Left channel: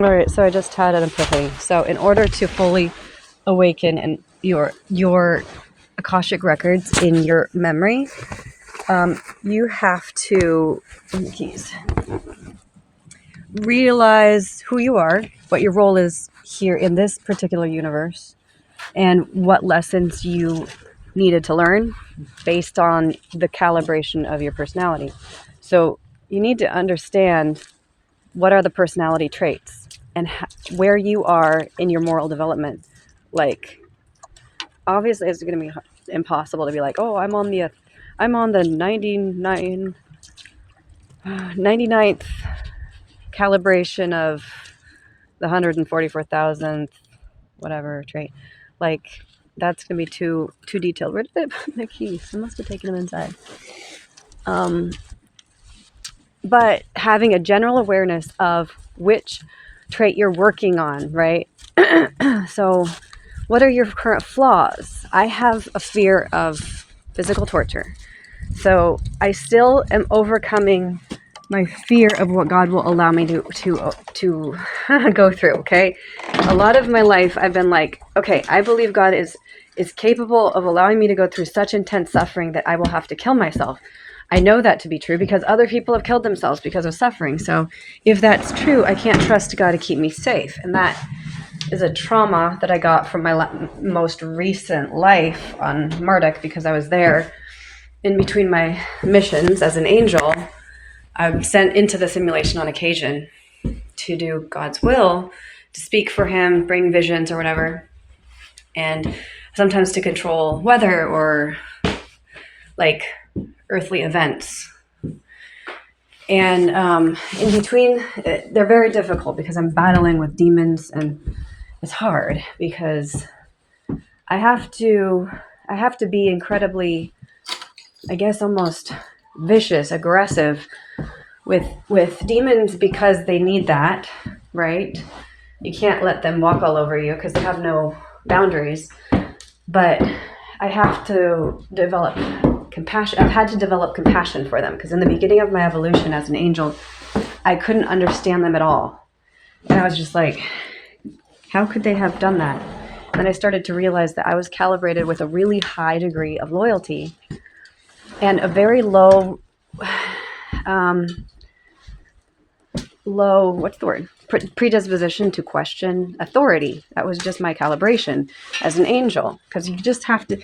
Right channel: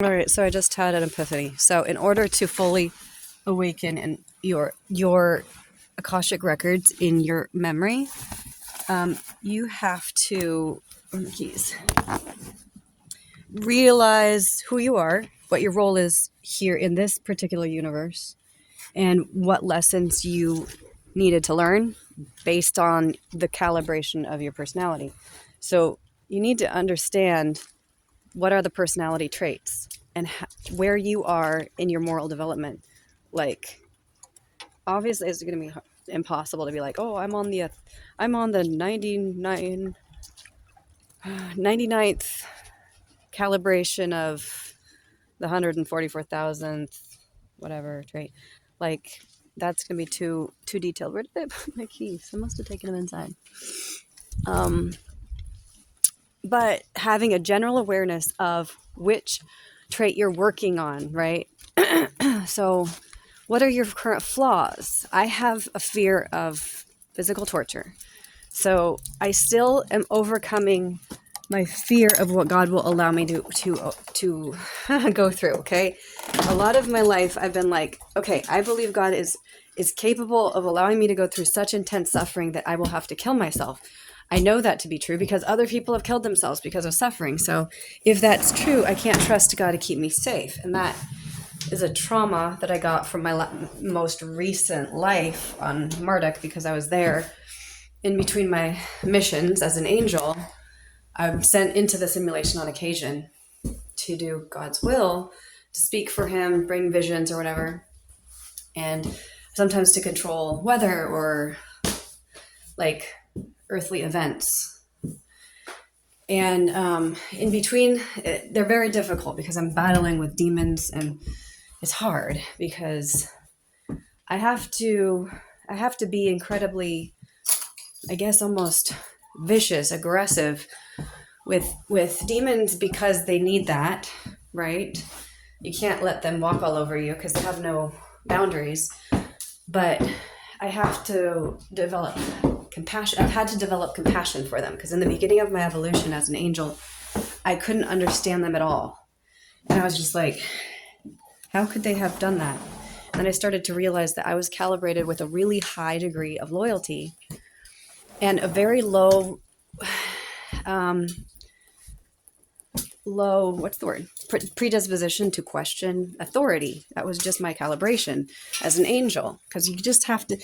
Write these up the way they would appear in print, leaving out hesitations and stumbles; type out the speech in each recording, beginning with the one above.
All right, so I just had an epiphany. So in order to fully awaken and your Akashic records in your memory, you have to keys, realize who you are, what your role is here in this particular universe, and what lessons you needed to learn based on the calibration of your personality. So you need to understand what are the personality traits and where you are in your moral development. Like, obviously it's going to be impossible to be like, oh, I'm on the 99th calibration of the 144,000th whatever trait. Like, that's going to be too detailed. Where did I put my keys? I must have taken them inside. But having a general awareness of which trait you're working on, right? So what are your current flaws? I have a fear of physical torture. So I still am overcoming my fear of what God will allow me to go through, okay? A lot of my life I've been like, okay, I believe God is capable of allowing me to go through such intense suffering that I will have to kill myself. I know that to be true because other people have killed themselves because of suffering. So if that's true, I can't trust God to keep me safe. And that is a trauma that I got from my most recent life on Marduk, because I was there in between my missions as an angel. I'm sent into the simulation on occasion to do God's will, to speak for him, bring visions or whatever, and sometimes to control weather or like earthly events. And in between, they're very difficult because I'm battling with demons, and it's hard because I have to be incredibly, I guess, almost vicious, aggressive with demons because they need that, right? You can't let them walk all over you because they have no boundaries. But I have to develop compassion. I've had to develop compassion for them because in the beginning of my evolution as an angel, I couldn't understand them at all. And I was just like, how could they have done that? And then I started to realize that I was calibrated with a really high degree of loyalty and a very low, what's the word? Predisposition to question authority. That was just my calibration as an angel, because you just have to.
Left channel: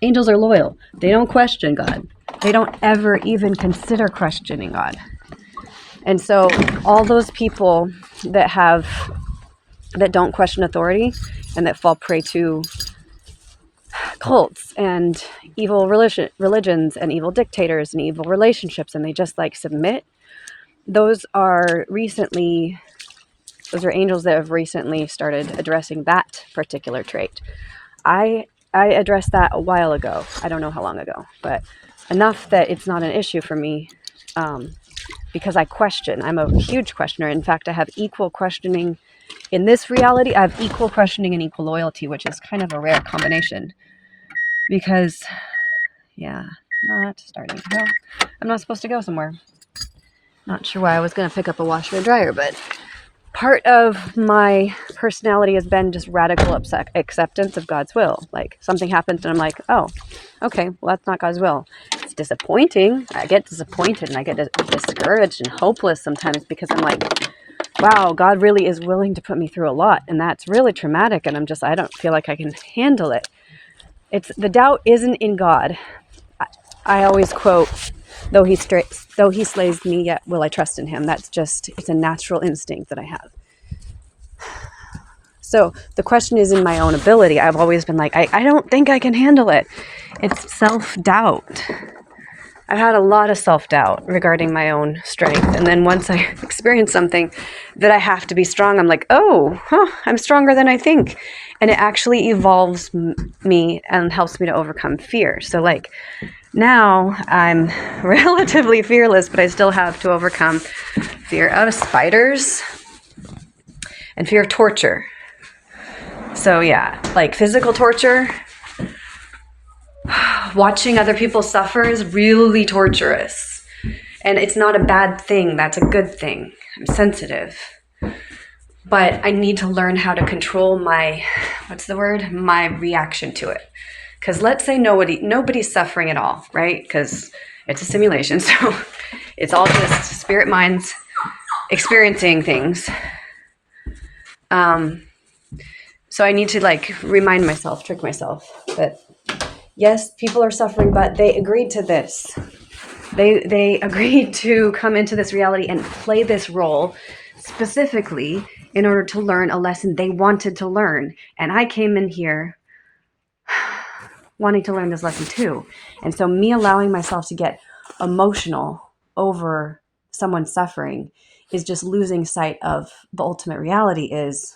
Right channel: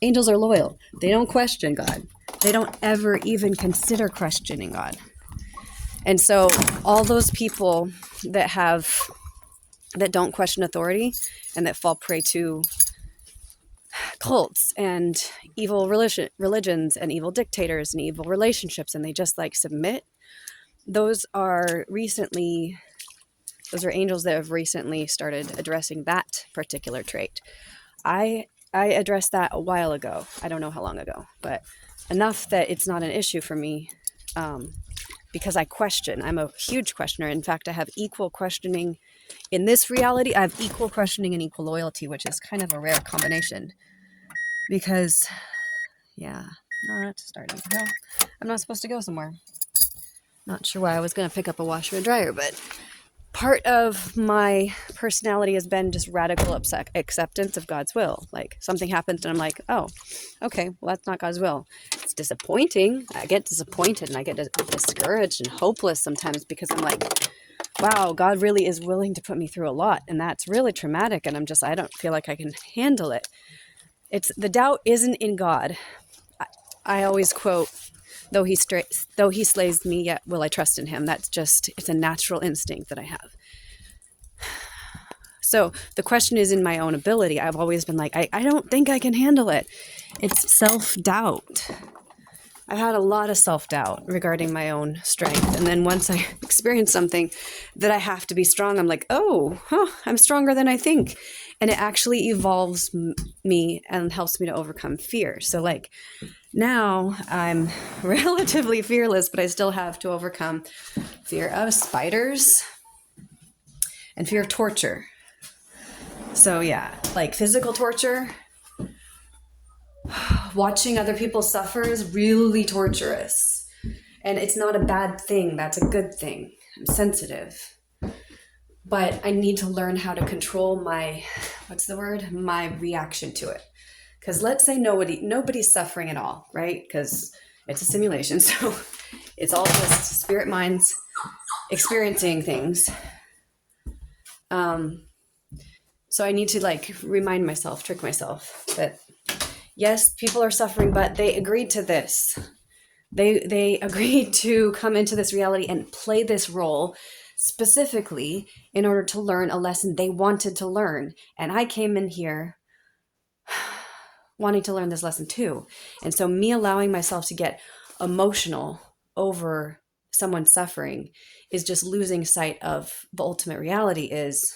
Angels are loyal. They don't question God. They don't ever even consider questioning God. And so all those people that don't question authority and that fall prey to cults and evil religions and evil dictators and evil relationships, and they just like submit, those are angels that have recently started addressing that particular trait. I addressed that a while ago. I don't know how long ago, but enough that it's not an issue for me, because I question. I'm a huge questioner. In fact, I have equal questioning in this reality. I have equal questioning and equal loyalty, which is kind of a rare combination. Because, yeah, not starting. No, I'm not supposed to go somewhere. Not sure why I was going to pick up a washer and dryer, but part of my personality has been just radical acceptance of God's will. Like, something happens and I'm like, oh, okay, well, that's not God's will. It's disappointing. I get disappointed and I get discouraged and hopeless sometimes because I'm like, wow, God really is willing to put me through a lot. And that's really traumatic. And I don't feel like I can handle it. The doubt isn't in God. I always quote, though he slays me, yet will I trust in him. It's a natural instinct that I have. So the question is in my own ability. I've always been like, I don't think I can handle it. It's self-doubt. I've had a lot of self-doubt regarding my own strength. And then once I experience something that I have to be strong, I'm like, I'm stronger than I think. And it actually evolves me and helps me to overcome fear. So like now I'm relatively fearless, but I still have to overcome fear of spiders and fear of torture. So yeah, like physical torture, watching other people suffer is really torturous. And it's not a bad thing. That's a good thing. I'm sensitive. but I need to learn how to control my, what's the word? My reaction to it. Because let's say nobody's suffering at all, right? Because it's a simulation. So it's all just spirit minds experiencing things. So I need to like remind myself, trick myself that yes, people are suffering, but they agreed to this. They agreed to come into this reality and play this role specifically in order to learn a lesson they wanted to learn. And I came in here wanting to learn this lesson too. And so me allowing myself to get emotional over someone suffering is just losing sight of the ultimate reality is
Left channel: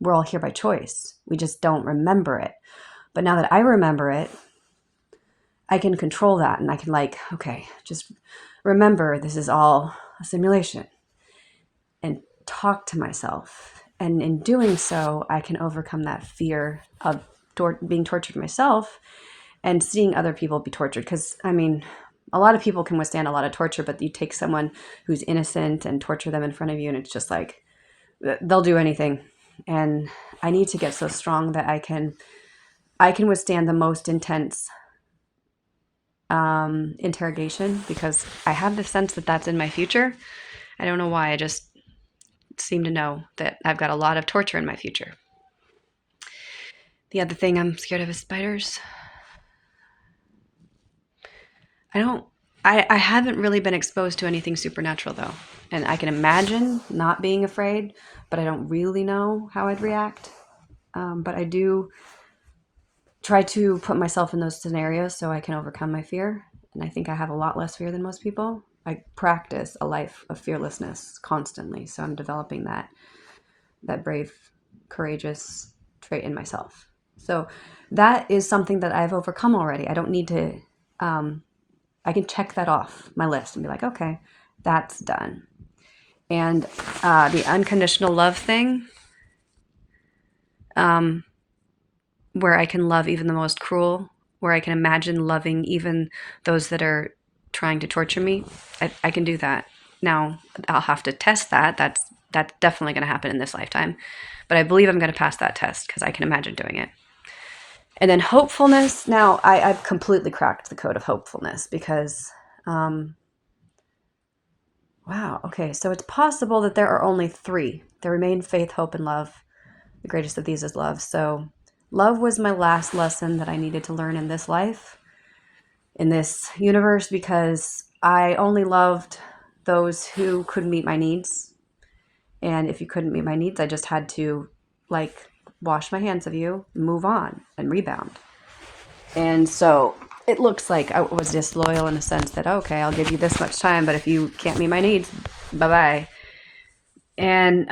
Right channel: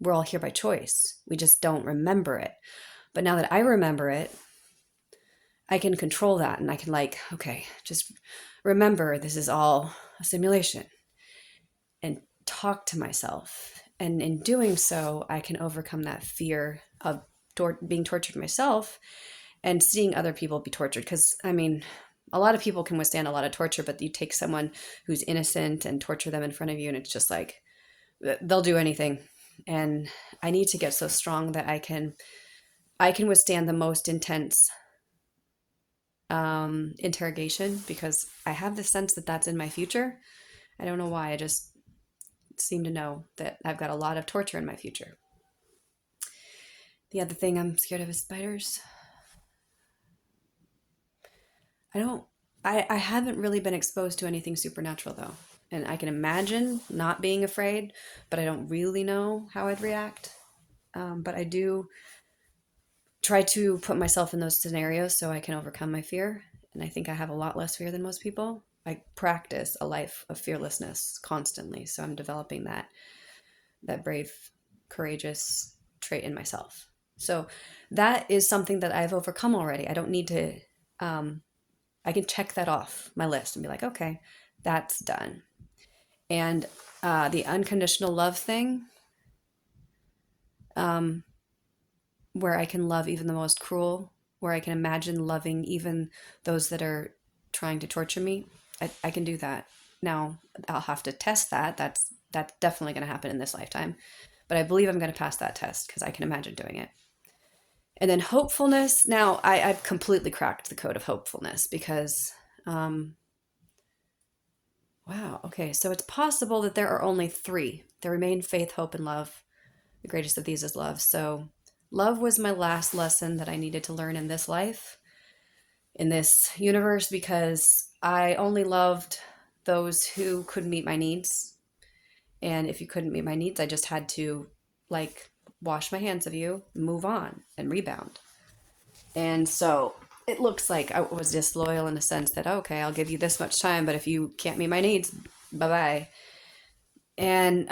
we're all here by choice. We just don't remember it. But now that I remember it, I can control that and I can like, okay, just remember this is all a simulation and talk to myself. And in doing so, I can overcome that fear of being tortured myself and seeing other people be tortured. Because, I mean, a lot of people can withstand a lot of torture, but you take someone who's innocent and torture them in front of you, and it's just like, they'll do anything. And I need to get so strong that I can withstand the most intense interrogation, because I have the sense that that's in my future. I don't know why. I just seem to know that I've got a lot of torture in my future. The other thing I'm scared of is spiders. I haven't really been exposed to anything supernatural though. And I can imagine not being afraid, but I don't really know how I'd react. But I do try to put myself in those scenarios so I can overcome my fear. And I think I have a lot less fear than most people. I practice a life of fearlessness constantly. So I'm developing that brave, courageous trait in myself. So that is something that I've overcome already. I don't need to, I can check that off my list and be like, okay, that's done. And the unconditional love thing, where I can love even the most cruel, where I can imagine loving even those that are trying to torture me, I can do that. Now, I'll have to test that. That's definitely going to happen in this lifetime. But I believe I'm going to pass that test because I can imagine doing it. And then hopefulness. Now, I've completely cracked the code of hopefulness because, wow, okay, so it's possible that there are only three. There remain faith, hope, and love. The greatest of these is love. So love was my last lesson that I needed to learn in this life, in this universe, because I only loved those who could meet my needs. And if you couldn't meet my needs, I just had to like wash my hands of you, move on, and rebound. And so it looks like I was disloyal in a sense that, okay, I'll give you this much time, but if you can't meet my needs, bye-bye. And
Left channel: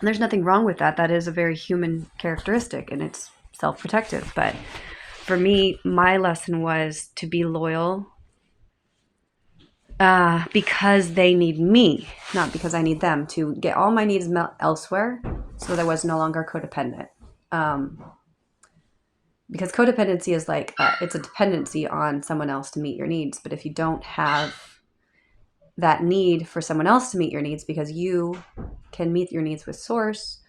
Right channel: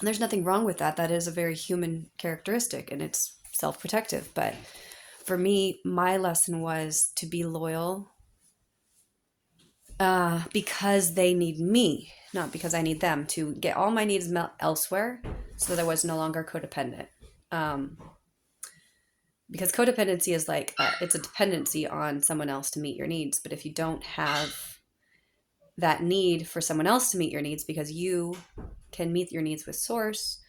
there's nothing wrong with that. That is a very human characteristic, and it's self-protective. But for me, my lesson was to be loyal because they need me, not because I need them, to get all my needs met elsewhere so that I was no longer codependent. Because codependency is like, it's a dependency on someone else to meet your needs. But if you don't have that need for someone else to meet your needs because you can meet your needs with source,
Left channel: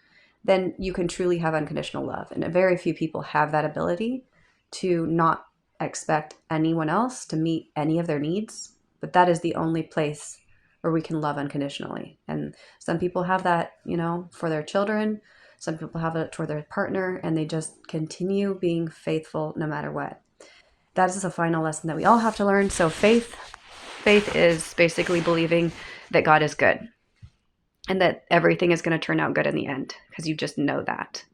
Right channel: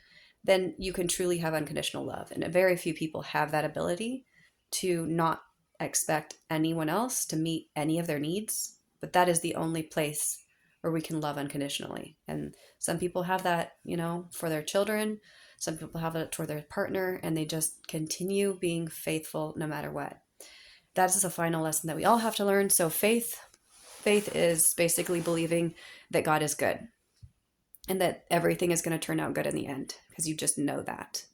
then you can truly have unconditional love. And very few people have that ability to not expect anyone else to meet any of their needs. But that is the only place where we can love unconditionally. And some people have that, for their children. Some people have it for their partner, and they just continue being faithful no matter what. That is a final lesson that we all have to learn. So faith is basically believing that God is good and that everything is going to turn out good in the end, because you just know that.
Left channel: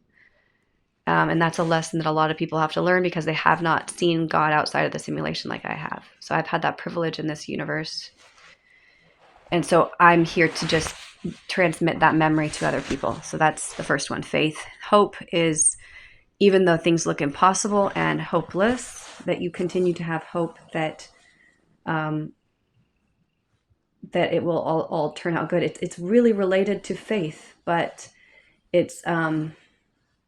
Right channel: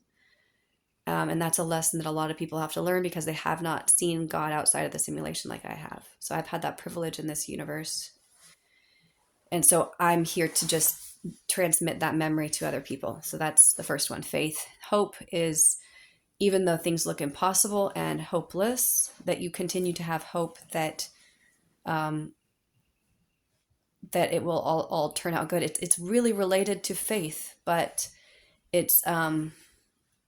And that's a lesson that a lot of people have to learn because they have not seen God outside of the simulation like I have. So I've had that privilege in this universe. And so I'm here to just transmit that memory to other people. So that's the first one. Faith. Hope is, even though things look impossible and hopeless, that you continue to have hope that that it will all turn out good. It's really related to faith, but it's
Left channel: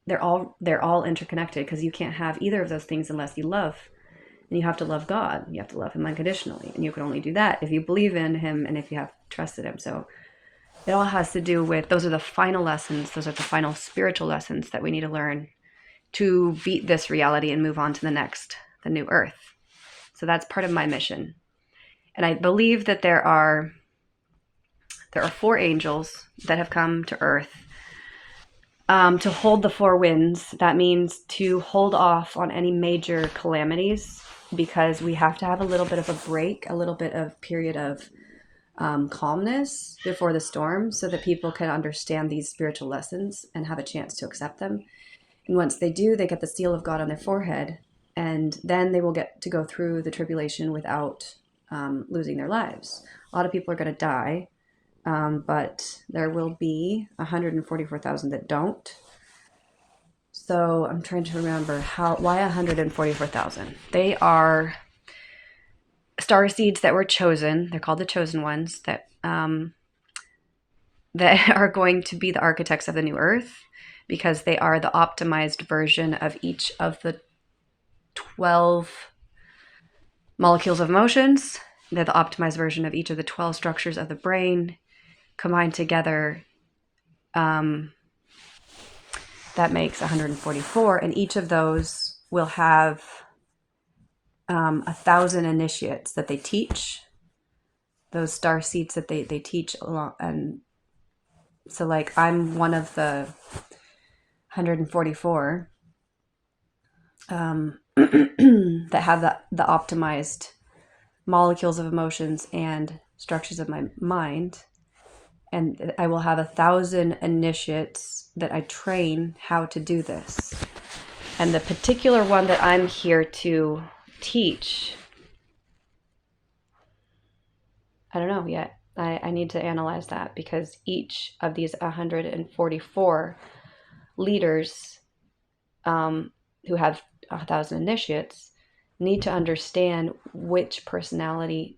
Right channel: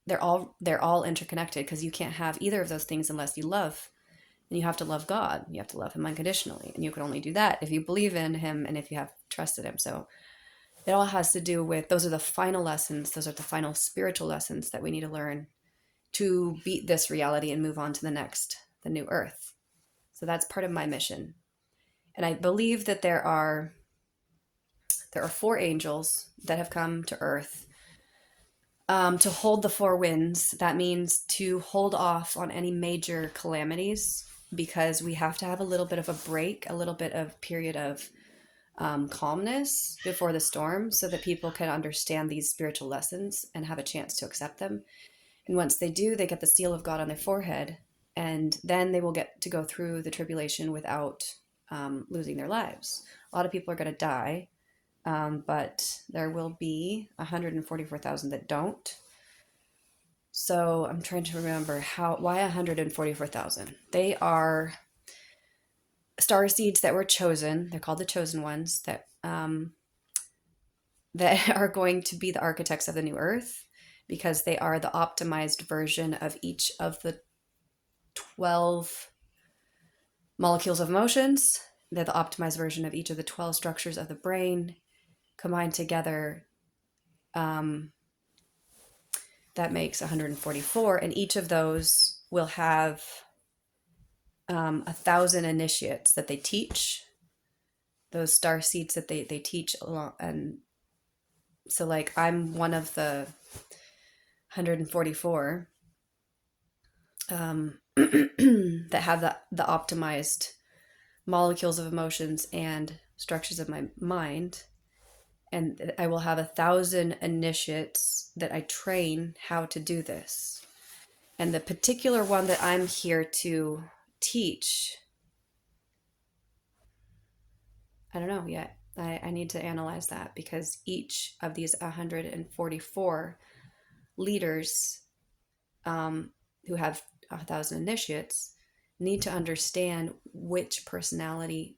they're all interconnected, because you can't have either of those things unless you love. And you have to love God. You have to love him unconditionally. And you can only do that if you believe in him and if you have trusted him. So It all has to do with, those are the final lessons, those are the final spiritual lessons that we need to learn to beat this reality and move on to the next, the new earth. So that's part of my mission. And I believe that there are 4 angels that have come to earth to hold the 4 winds. That means to hold off on any major calamities, because we have to have a little bit of a break, a little bit of period of calmness before the storm, so that people can understand these spiritual lessons and have a chance to accept them. And once they do, they get the seal of God on their forehead, and then they will get to go through the tribulation without losing their lives. A lot of people are going to die, but there will be 144,000 that don't. So I'm trying to remember why 144,000. They are star seeds that were chosen. They're called the chosen ones, that are going to be the architects of the new earth, because they are the optimized version of each of the 12 molecules of emotions. They're the optimized version of each of the 12 structures of the brain combined together. That makes 144, and each of those will have 1,000 initiates that they teach, those star seeds that they teach along. And so, like, I'm one of the 144 that have the optimized molecules of emotions and structures of my mind. And I will have 1,000 initiates that I train how to do this. And the particular one that I'm here to teach, I don't know yet. I need to analyze that, because each of these 144 leaders who have 1,000 initiates need to understand which personality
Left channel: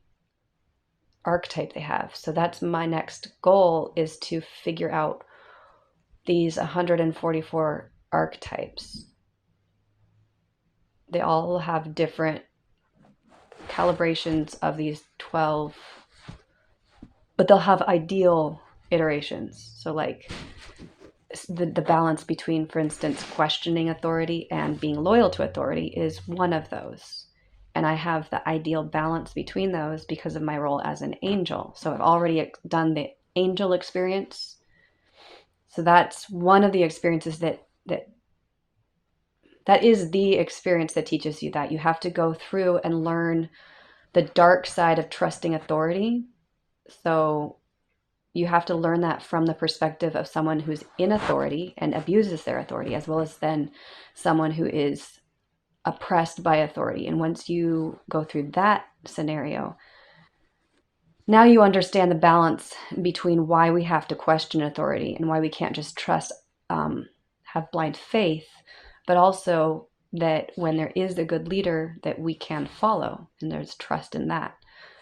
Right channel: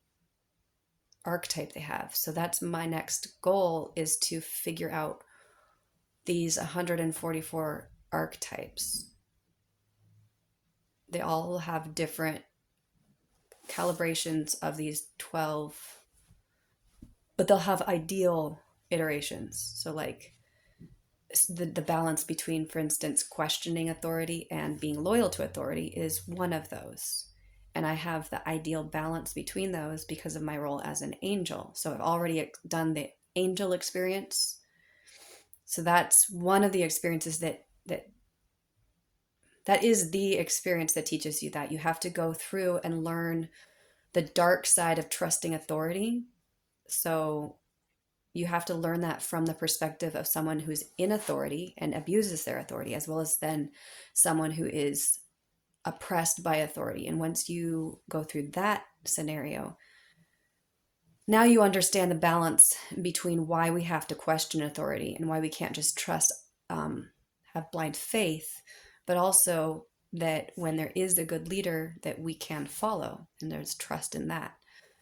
archetype they have. So that's my next goal, is to figure out these 144 archetypes. They all have different calibrations of these 12, but they'll have ideal iterations. So, like, the balance between, for instance, questioning authority and being loyal to authority is one of those. And I have the ideal balance between those because of my role as an angel. So I've already done the angel experience. So that's one of the experiences that is the experience that teaches you that you have to go through and learn the dark side of trusting authority. So you have to learn that from the perspective of someone who's in authority and abuses their authority, as well as then someone who is oppressed by authority. And once you go through that scenario, now you understand the balance between why we have to question authority and why we can't just trust, have blind faith, but also that when there is a good leader that we can follow, and there's trust in that.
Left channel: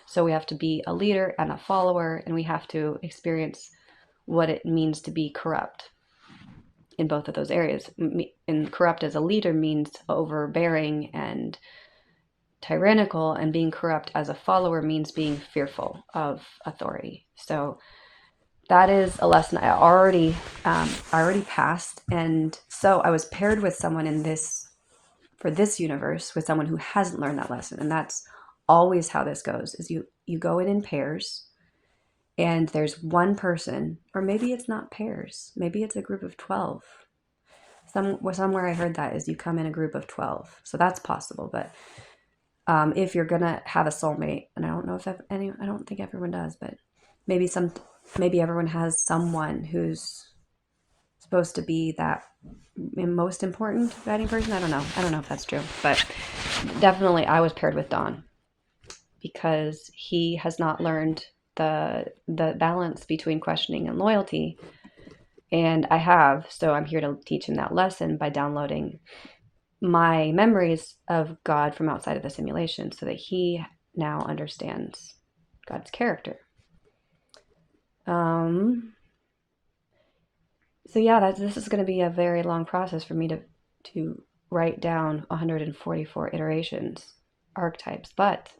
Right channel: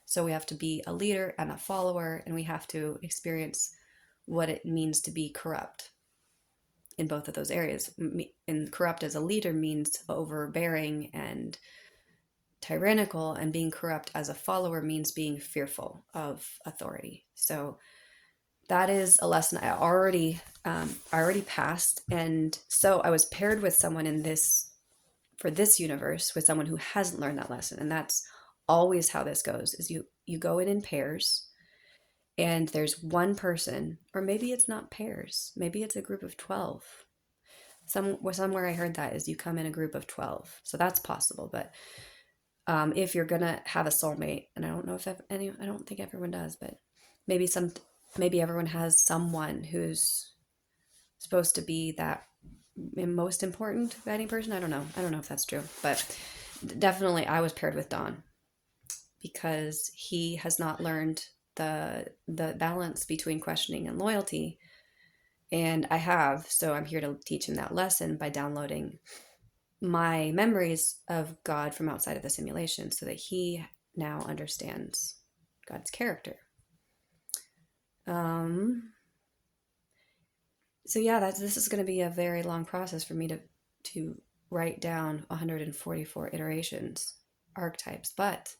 So we have to be a leader and a follower, and we have to experience what it means to be corrupt in both of those areas. And corrupt as a leader means overbearing and tyrannical, and being corrupt as a follower means being fearful of authority. So that is a lesson I already passed. And so I was paired with someone for this universe, with someone who hasn't learned that lesson. And that's always how this goes, is you go in pairs, and there's one person, or maybe it's not pairs, maybe it's a group of 12. Somewhere I heard that is you come in a group of 12. So that's possible. But if you're gonna have a soulmate, and I don't know if I don't think everyone does, but maybe everyone has someone who's supposed to be that most important guiding person. I don't know if that's true, but definitely I was paired with Don, because he has not learned the balance between questioning and loyalty, and I have. So I'm here to teach him that lesson by downloading my memories of God from outside of the simulation, so that he now understands God's character. So yeah, this is going to be a very long process for me to write down 144 iterations, archetypes. But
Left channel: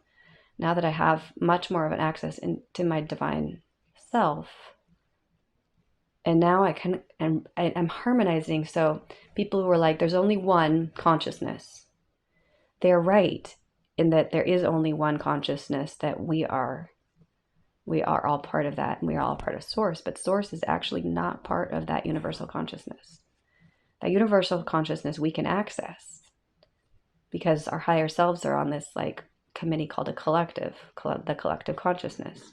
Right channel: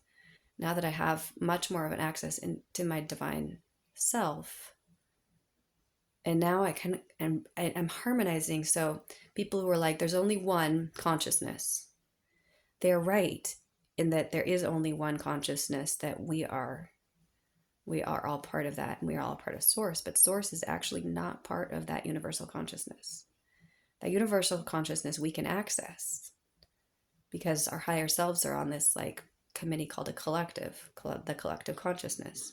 now that I have much more of an access into my divine self, And now I'm harmonizing. So people who are like, there's only one consciousness, they're right in that there is only one consciousness, that we are all part of that, and we are all part of source, but source is actually not part of that universal consciousness. That universal consciousness we can access because our higher selves are on this like committee called the collective consciousness.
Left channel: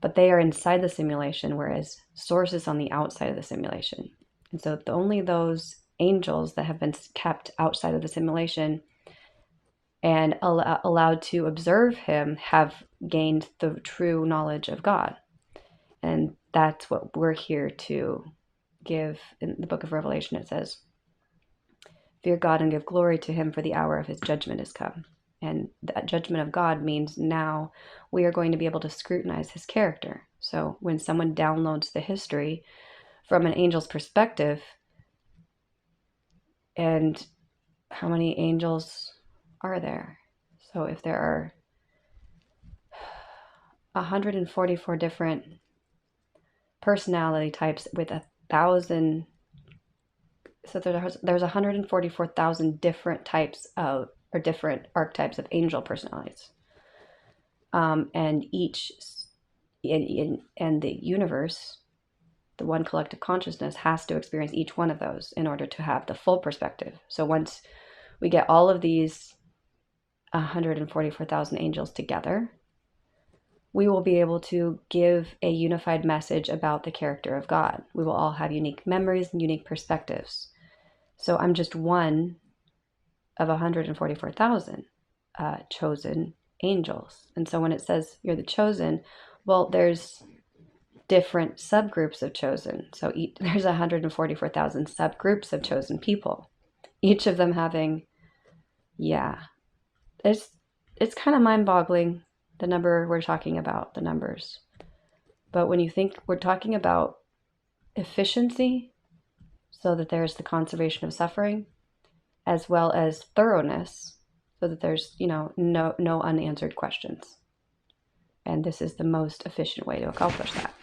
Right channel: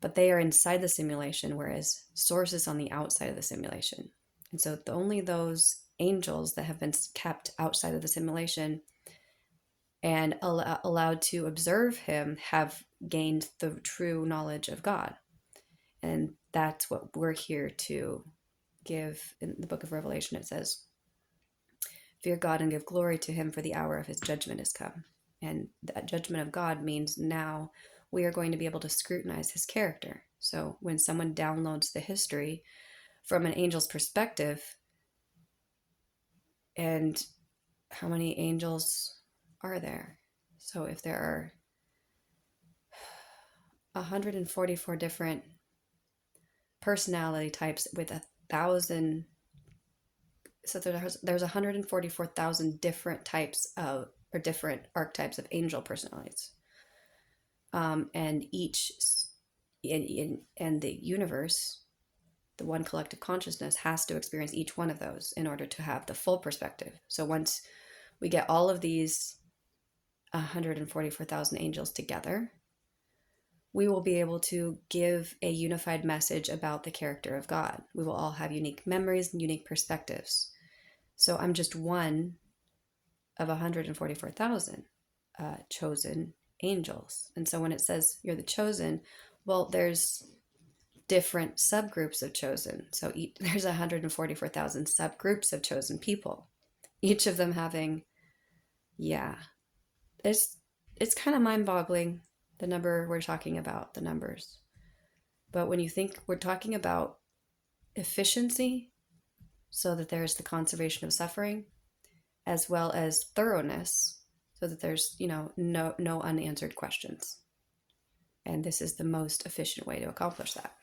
But they are inside the simulation, whereas source is on the outside of the simulation. And so only those angels that have been kept outside of the simulation and allowed to observe him have gained the true knowledge of God. And that's what we're here to give. In the book of Revelation, it says, fear God and give glory to him, for the hour of his judgment is come. And that judgment of God means now we are going to be able to scrutinize his character. So when someone downloads the history from an angel's perspective, and how many angels are there? So if there are 144 different personality types with 1,000, so there's 144,000 different types of, or different archetypes of angel personalities. And each in the universe, the one collective consciousness has to experience each one of those in order to have the full perspective. So once we get all of these 144,000 angels together, we will be able to give a unified message about the character of God. We will all have unique memories and unique perspectives. So I'm just one of 144,000 chosen angels. And so when it says you're the chosen, well, there's different subgroups of chosen. So there's 144,000 subgroups of chosen people, each of them having, it's kind of mind-boggling, the number we're talking about, the numbers. But when you think we're talking about efficiency, so that there's the conservation of suffering, as well as thoroughness, so that there's, no unanswered questions. And this is the most efficient way to accomplish that.